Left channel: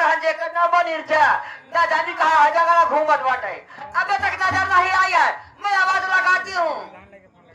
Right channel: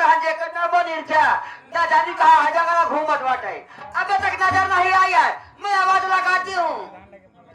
पर हजे के न बनिर जा न जानी कहा जगह घूमत बाटे अबे तक नजर नहीं आई है मैं आवाज लगाती हूँ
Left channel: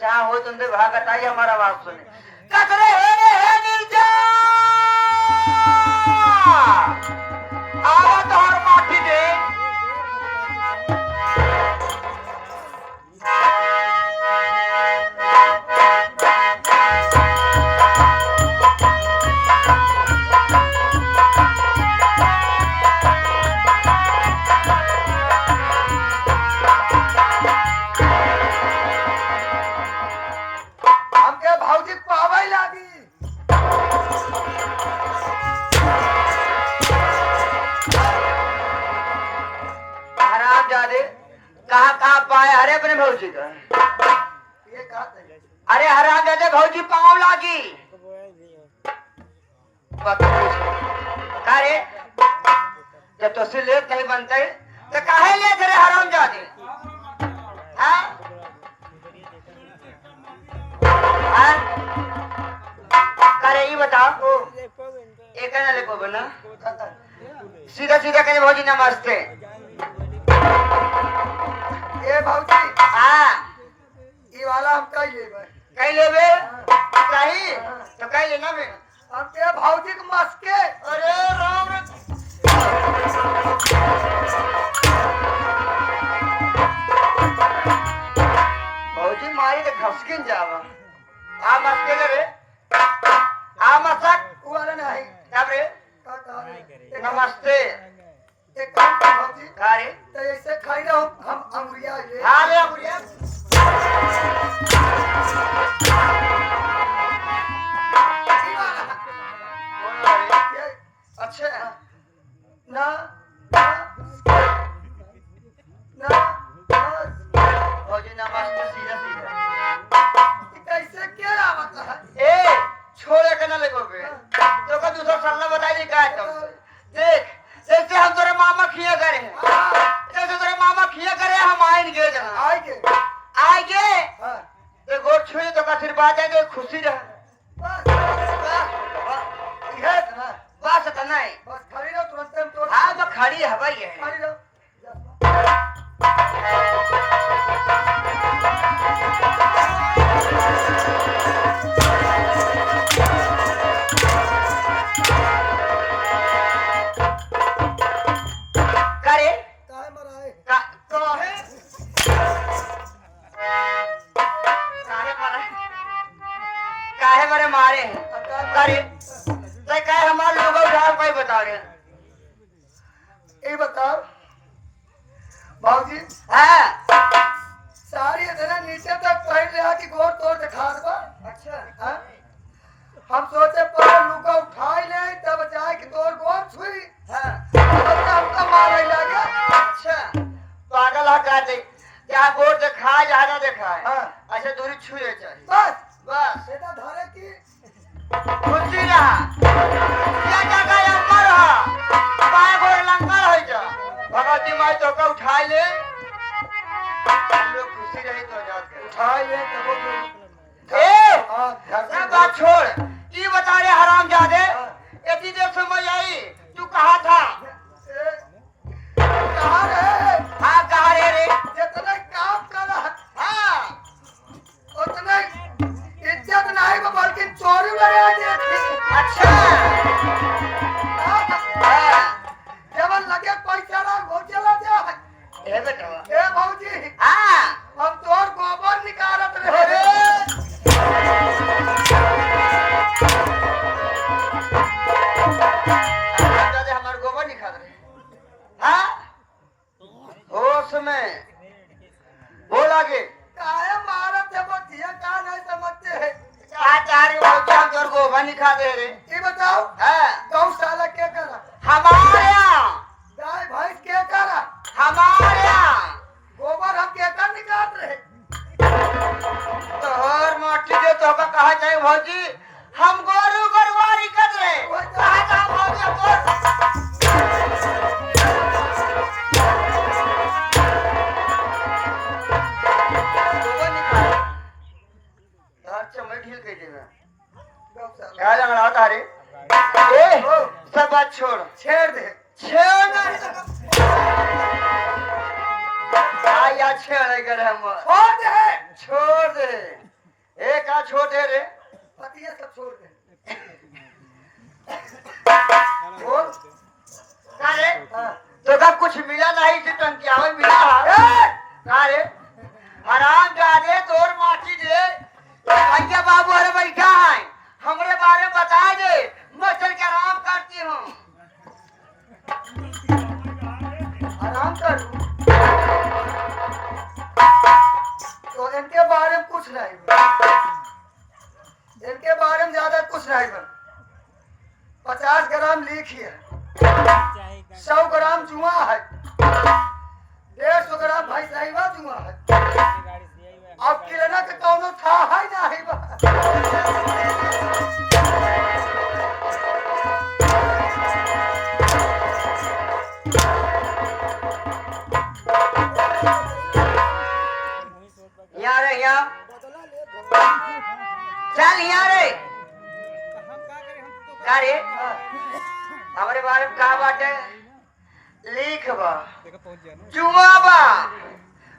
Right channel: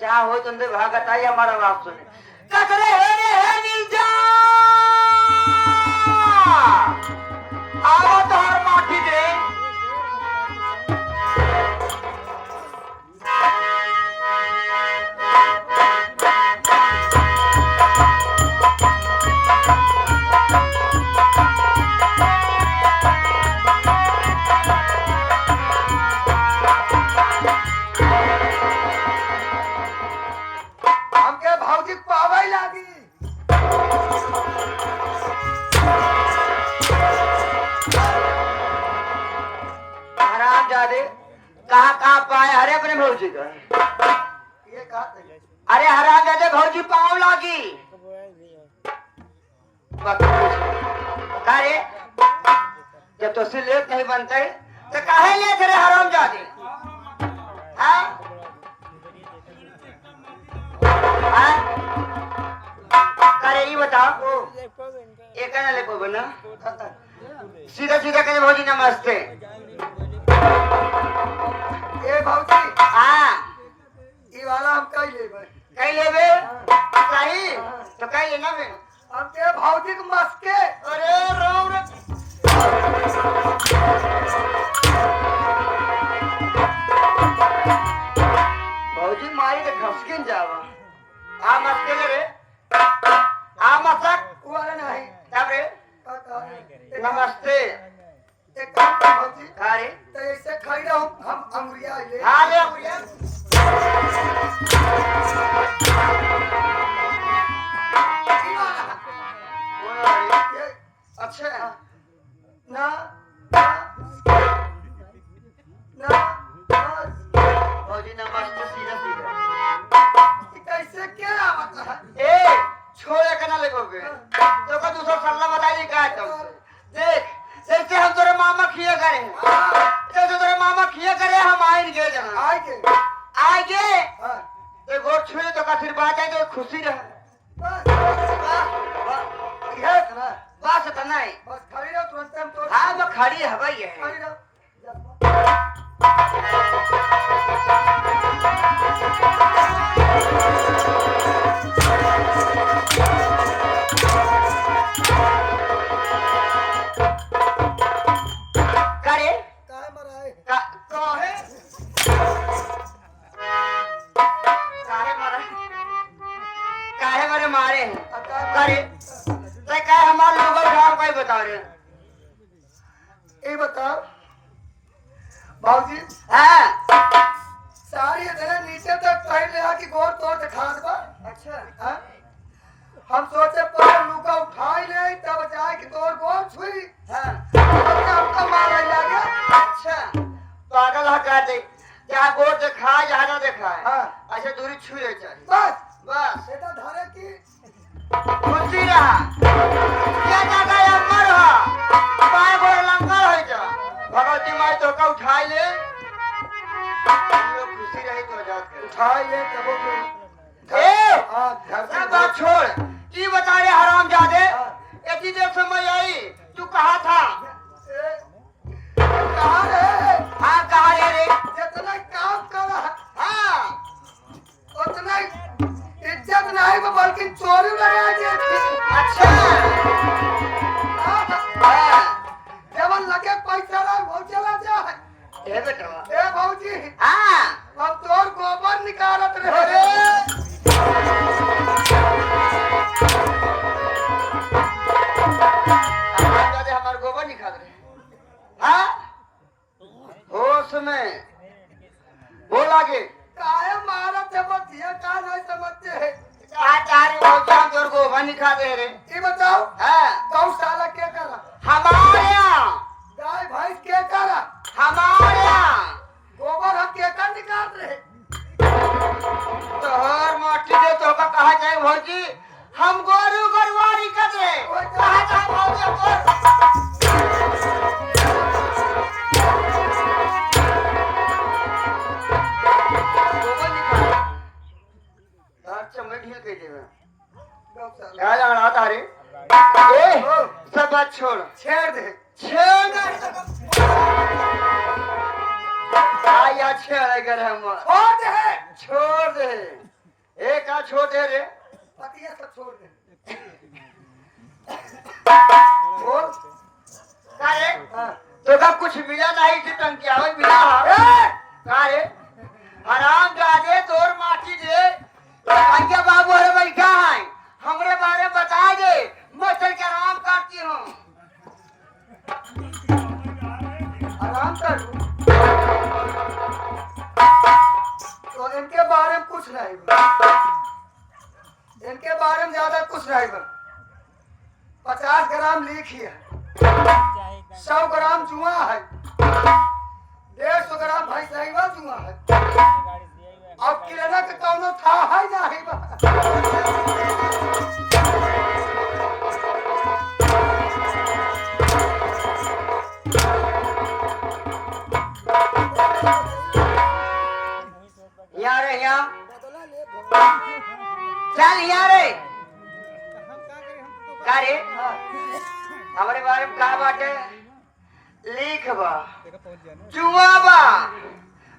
जहाँ हो तुमसे भागत आई हमारा बात सुने कचरे है नीचा आवत हर माटी दे भौजी का अरे हरा दे दे भौजी पाँव लागी अरे जब तो से लेट नहीं बनते तो काहे ले रे हराम जाते अरे ये बताओ एक ना ले को बोला सीधा सीधा कहते भौजी नमस्ते ए भौजी हाँ ये वाला हम कई लेबे चाहिए तो कई लेना बे हम के भौजी के मस्के अरे राम भौजी मारी तो घसकिन जावा आ मस्के लेबे आ मसक वाला नहीं तब रे नमस्ते एक काम कर भौजी अरे तो ऐसे खाई रहो हम अंगुरिया ले हाँ ले अंगुरिया अच्छा ना ना भौजी नमस्ते सीधा सीधा कैसे क्या आवत है ए छोड़े के ना लेगो बे तो को दूसरा सल्ला बता दी का तो देख जैसे हम तेरे मामा खिया करेंगे जैसे तेरे मामा खिया करे हम आएंगे जना आएंगे हां ते गोट छुए तो का फिर बात है खुशी रह ये ना बात तो नहीं बस खड़ी रहो तुरंत हम तो हां मैं खड़ी है भाई है खड़ी रहो करे काहे मराए का तो है काहे मारे मारे करे ते काहे हमारे लोगों उठा कोई बता रे ये बताओ भौजी हां सारी इधर नीचे तक पैर ले कि गोर तोड़ दिखा दो अच्छा हाँ? हम सोचे पहले लुका उठाई नहीं तब जाए कि तोड़ गोर छुई हां हमका मारे लगे अच्छा पागल है काटे क्या गोर देखा या ना देखा है हाँ। अच्छा दूरी छुए चाहिए बस बस बेटा धरे की खुशी रहा क्या जगह अमर रहा पाए बड़े लंगर हो जा भगवती माई तो का उठाई ले हम लोग खुशी रहे तो जात के उठाई ले तब वो ए हाँ सब बात छोड़ ये बता रे हराम जादे इतनी देर समझ आई तू कहाँ था कहाँ रे हाँ कहाँ रे जितना काम करा हाँ उतना इज्जत नहीं को बल्कि चोरी लगा दी अच्छा हाँ केवल लगे पैसा ना हो चला जा ए बेटा ए भौजी हाँ हम तोर गोबर निकालत रहे हमारे गोबर निकाल रहे हाँ होश में बोल आगे काहे मारत है वो जिया का नहीं समझते है कहा चार हम तोर गोबर निकाल दे रे ये बताओ हाँ गौशाला क्या करा हमारे यहाँ गाय भैंस क्या करा हमारे यहाँ गोबर हम क्या कर निकाल रहे तो हर माटी दे तो का कहा जाए भौजी हम गोरू गरवारी कर रहे कहा जा भौजी गोबर निकाल अच्छा मैं ढील कह देना गौशाला क्या लड़ा तारे ए सब बात छोड़ छेड़ दे छेड़ नहीं सका आया छेड़ कर हम छोड़ दे एक आ छोड़ दे रे पतिया सब छोड़ दे बोल काहे तो का कुछ मिला नहीं कि टंकियावन मिला काहे आराम जादे तोर माटी दे भैया बाबू अरे बैठा है हमरे बारे में बता दे मैं चल के आराम करती हूँ आराम कर तो इनके बारे में कुछ नहीं इनके बारे में ज्यादा कुछ नहीं बन 50 ग्राम लीख है 100 ग्राम जुआ है 150 ग्राम भाई साहिबा जुआ है अब किराना के कौनो था है नहीं बा यहाँ रे यहाँ चल यहाँ रे क्या रे हमारे बारे में कहा बाटे लिख बा जुआ बा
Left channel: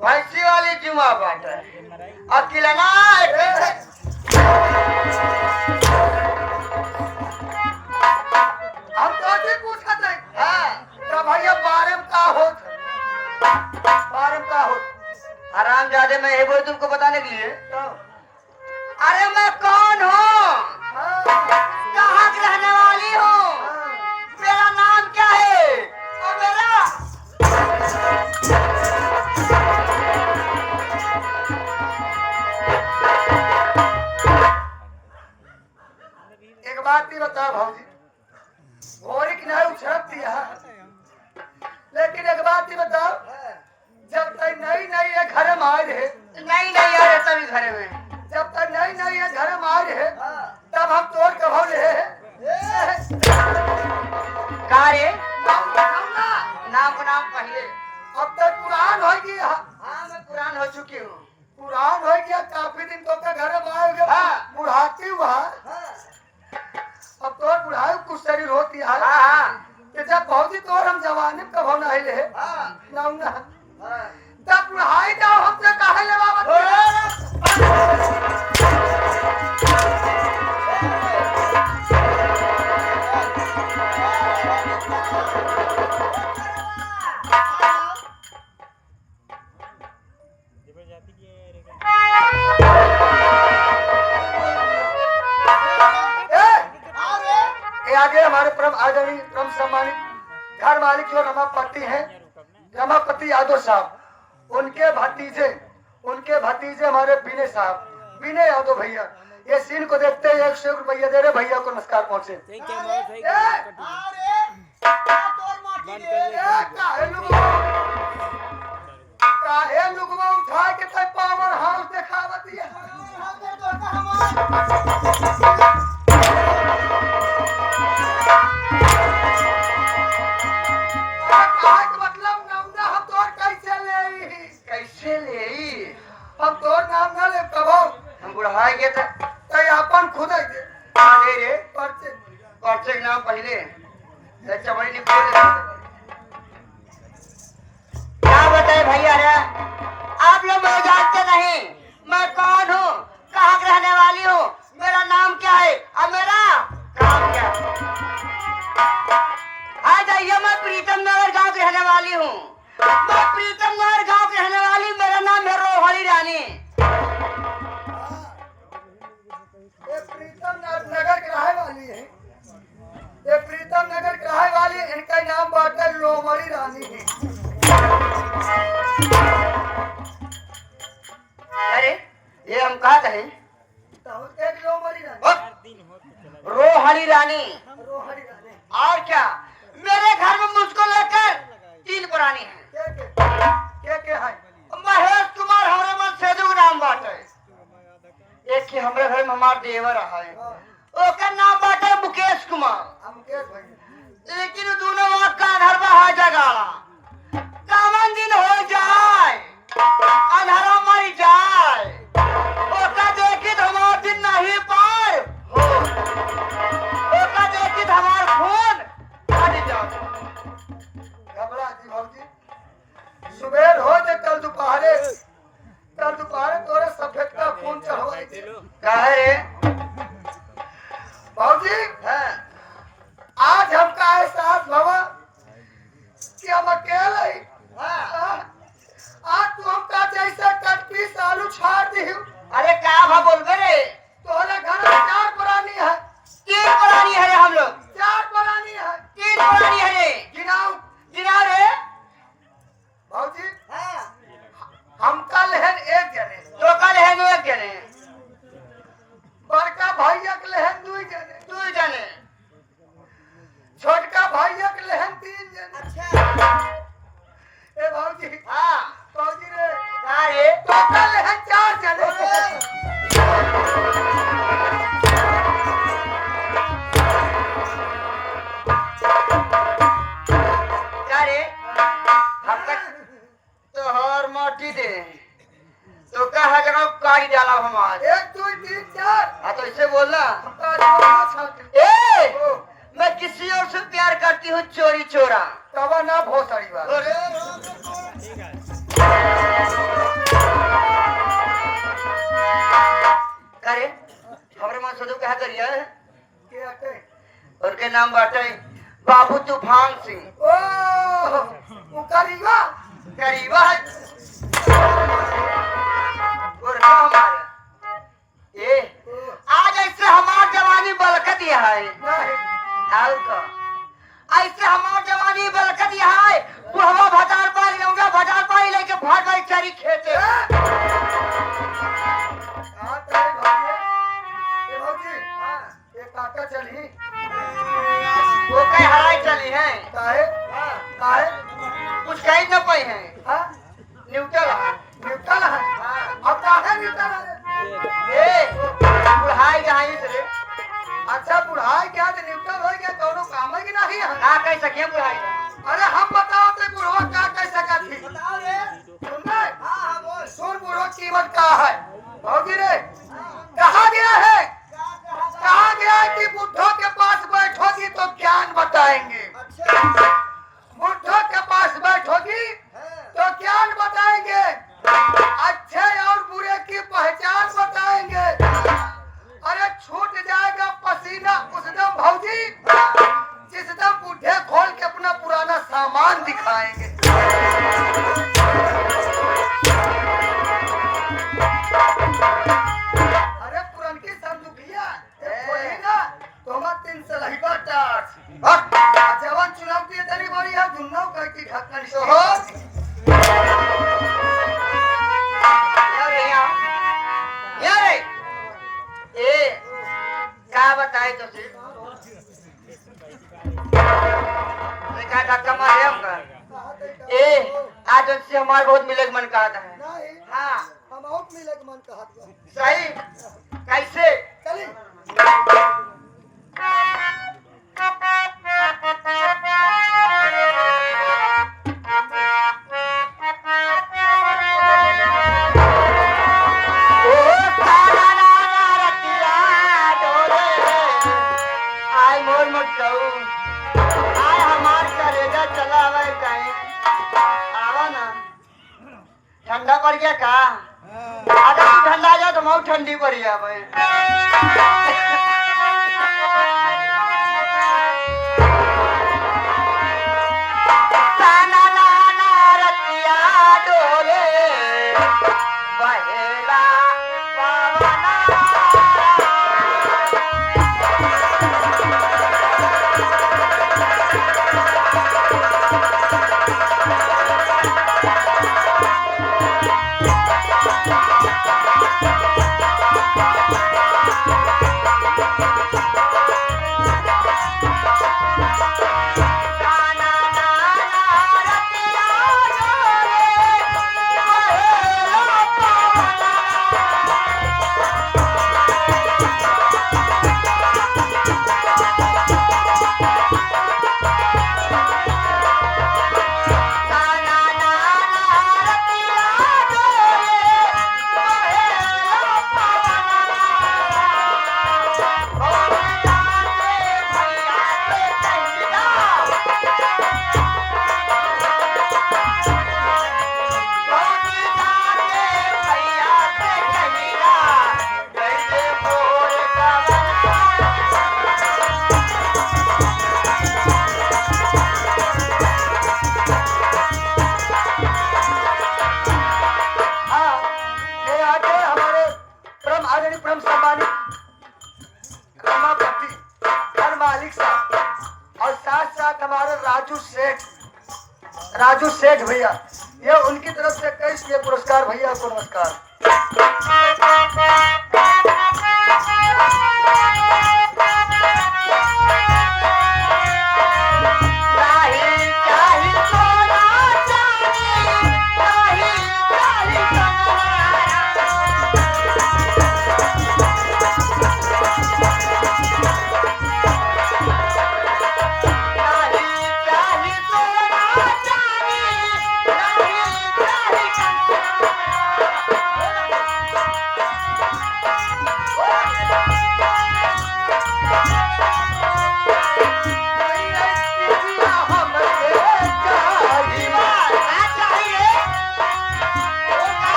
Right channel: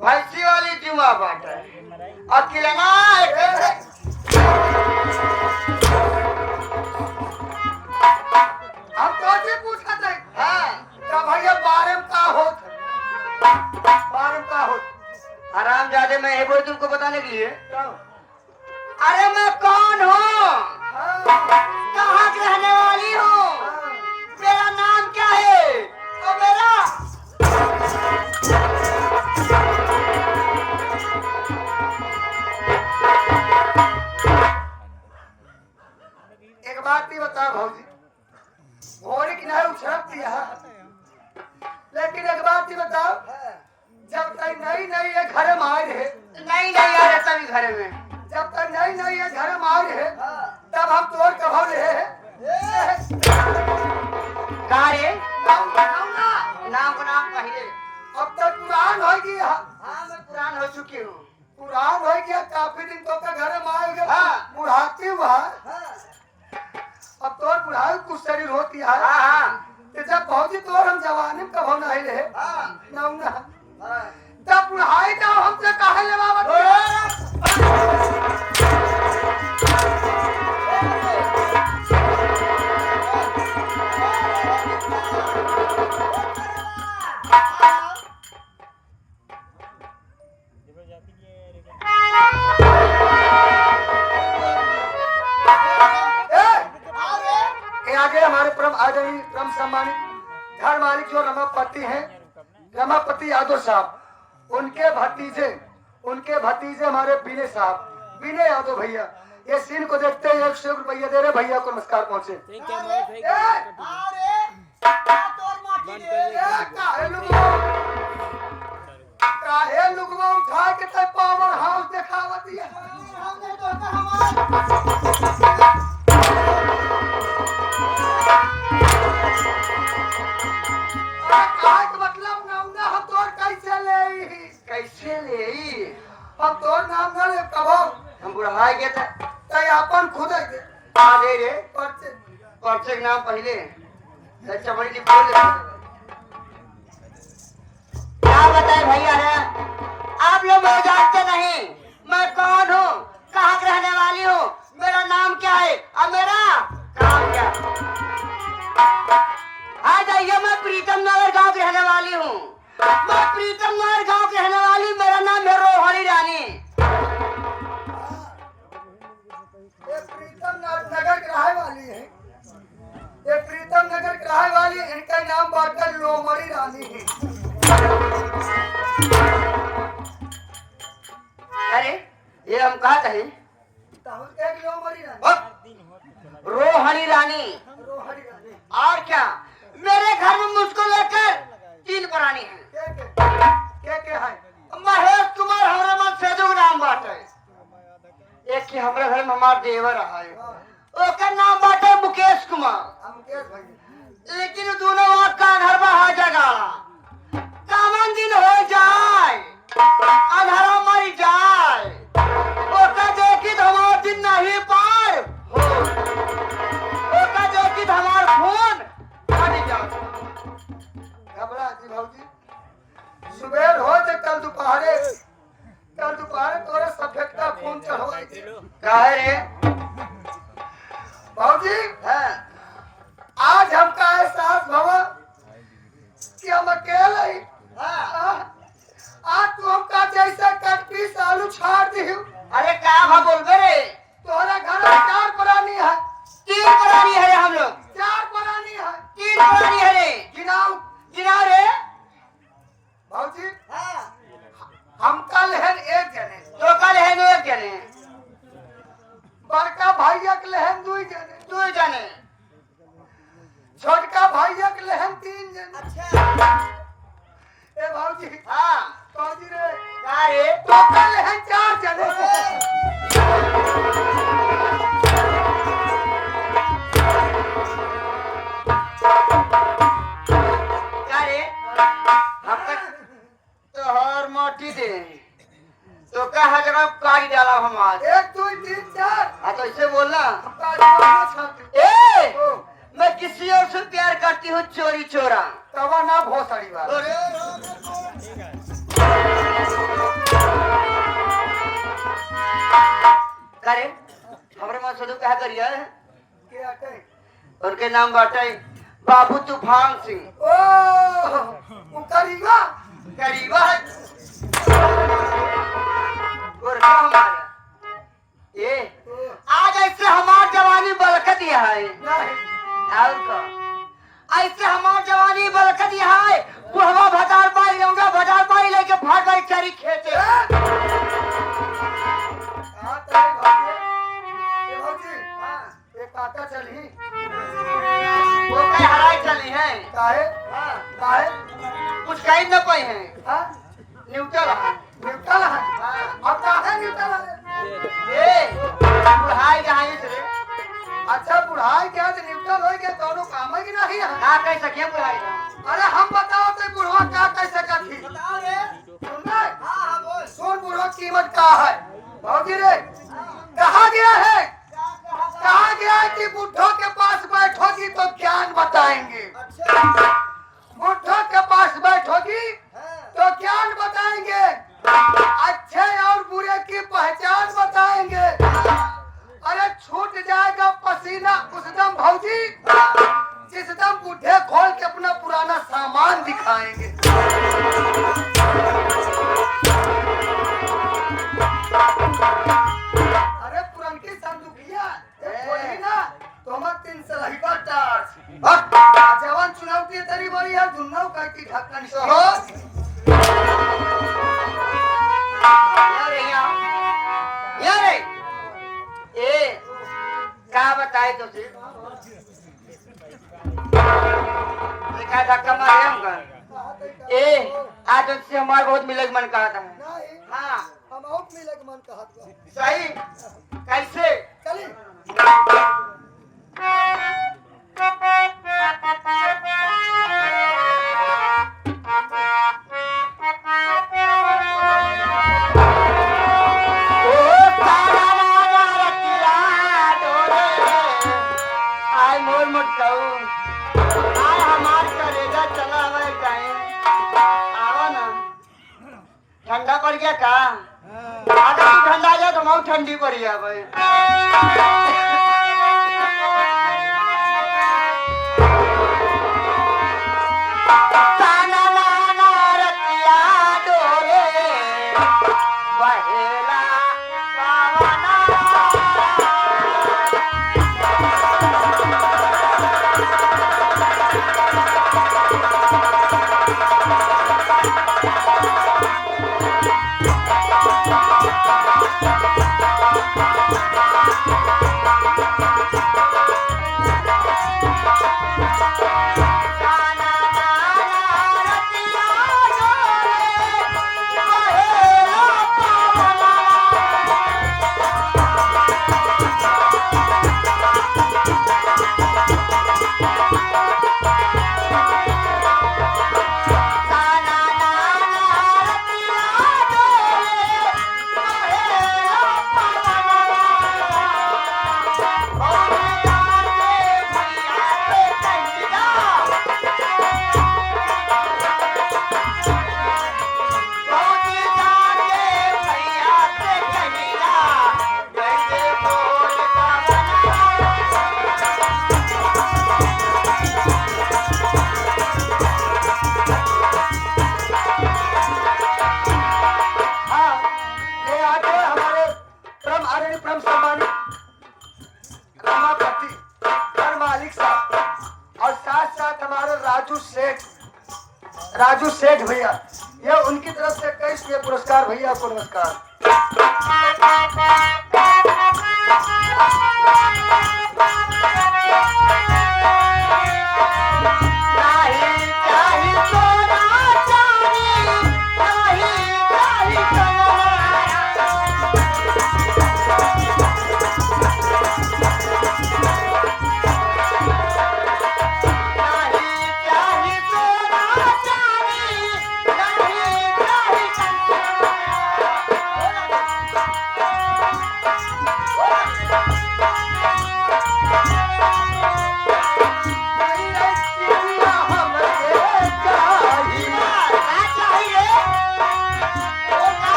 भैंसी वाली जुआ बाटे अब किलाना हम तो पूछा थे तो भैया बारे में का होत बारे में का होत आराम जादे मैं ये बोल तुमको बताने के लिए अरे मैं कौन हूँ कहाँ की रहने वाली हूँ मेरा नाम क्या है और मेरा एक बात भी बता भौजी भोरे की नहीं उछल दिया लेकिन एक बात ही बताओ जब तक नई ये घर में आए रहे नहीं यार तभी घर में जब तक नई ये घर में आए रहे तब हम तोड़ कभो रहे कहा रे नाम को नाम कहिए अब तक पुरान हो गया हाँ मैं पुरान हो चुकी हूँ पुरान हो गया काफी दिन तो के घर में आए हुए बुढ़ाती हुआ अब तो बुढ़ाई कुछ शरीर होती है कि जब भौजी तो हम जवानी कभो नहीं रहे ना तब बुढ़ाई जाओ हमसे कहा ले आगे हमारे परम आदरणीय परम सम्मानित घर मालिक जो रमापति हैं रमापति यादव साहब उनके भतीजे हमारे विनय साहब विनय यादव भैया ये सीन को देखते हैं 100 रुपया दे रहे भैया को नमस्कार पहुंचे काहे लुगवा उठा के तक पावर हाउस दिखावत है मतलब नौना हम तोर कैसे ले हम तोर नाम ना ले कबो हम बुढ़ाई के तय अपन खुद के दे रे पर्चे पर्चे के नाम पहले चमड़ी लिख दे क्या बताए भैया ना आप लोग मुझे जानते नहीं मैं कौन हूँ कहाँ की रहने वाली हूँ मेरा नाम क्या है और मेरा काम क्या हाँ जाइए मैं प्रीतम नगर गांव की रहने वाली हूँ मैं प्रीतम नगर गांव की रहने वाली मेरा नाम है रोहरी रानी ये प्रीतम नगर की रहे वाली है ये प्रीतम नगर की रहे वाली इनका नाम बाटे लोमड़ी रानी है अरे ये हम कहा कहे एक लोमड़ी रानी रोहरी रानी रोहड़ी रानी और क्या मेरे घर में मुझको लेकर 3 प्राणी हैं के है महेश कुमार हमारा मन सेजू नाम बाटे एक की हमारे घर में हमारा देवर है ओकर नाम बाटे मुकेश कुमार मुकेश भाई लेकिन दोनों वहाँ कान्हर बहा जगाड़ा कामन दिन हो जाए अंधारा मर जाए ओका देखी हमारा दिन नहीं पार हो ओका देखी हमारा खून हट जाए भैया के लहन 2 जने, 2 जने। छोटका भैया के लहन 3 जने। अच्छा। ए बाबूजी, हाँ। बाबूजी रे, का रे? तो का लहन 4 जने। क्या रे? हमका तोहर मोटी दे। तो क्या हर जगह काट डाला हमार। 1 2 3 4। हाँ तो ऐसे बोलना। तब ए, मैं किसी और से प्यार करती हूँ चोरी चोरा। ना भोसड़ी बा। करे हमारे मां सदु क्या करिया है? क्या कहे? उनके नाम बाटे बाबू तूफान सिंह। ओ, वो करीबा। करीबा है। गोरखा हमारे। ये आज ऐसे हमार जवानी बलकत ही है। नहीं, आओ तो ऐसे हमार जवानी बलकत ही है। बुढ़वा भटार पारी रहूंगा, भटार पारी लेके भाग भाग चरी खेते। कहाँ तेरे भाई? ए भाऊजी, एक काका चली। वो कहीं हराई चली है। काहे? काहे? कुछ कहीं न पाई है। हाँ? न्यूट्रल है। न्यूट्रल है। अब काहे न्यूट्रल है? ए, बुढ़ाई कहाँ है इसलिए? अच्छा बुढ़ाई क्या तो न्यूट्रल हो गया, दोनों काम है कि नहीं है? आ कह सके बुढ़ाई। अरे हम बताओ तो बुढ़वा क्या कैसे करती? बताओ रे। सुन रहे? हाँ बोल। सुन बुढ़वा कीमत क्या है? भाऊजी रे, कहा गया है? कहा गया है कि बुढ़ों के पास बैठोगी तो ज्ञान बताएंगे। बुढ़ों के पास बैठोगी तो ज्ञान बताएंगे, अच्छे और बुरे की पहचान बताएंगे। अरे छूट जाएगा पसीना उस दम भाऊजी, जिस दम बुढ़े खोल के अपना पुराना सामान दिखाएंगे। अरे पुरानी संदूकिया खोली ना तो हम 3 सलहिबा टार्च जवान चुनौती तेरी बारी है, जुन्नों का की ढक्कन से हो। यारे ए क्या बताए तो फिर देखा धक्का मारे हमका। ए आज उससे हमारे बहुत मिले के मन कहता है। नहीं, हाँ हम आउट मिले के मन कहत बा। सही कैसे? चली ठंडा पड़ गया का? अगर तू ठंडा आ जाए तो मैं ठंडी पड़ गया भाई। राजू सेठ भैया, ये उनकी तरफ से 21 पुरस्कार भैया को नमस्कार।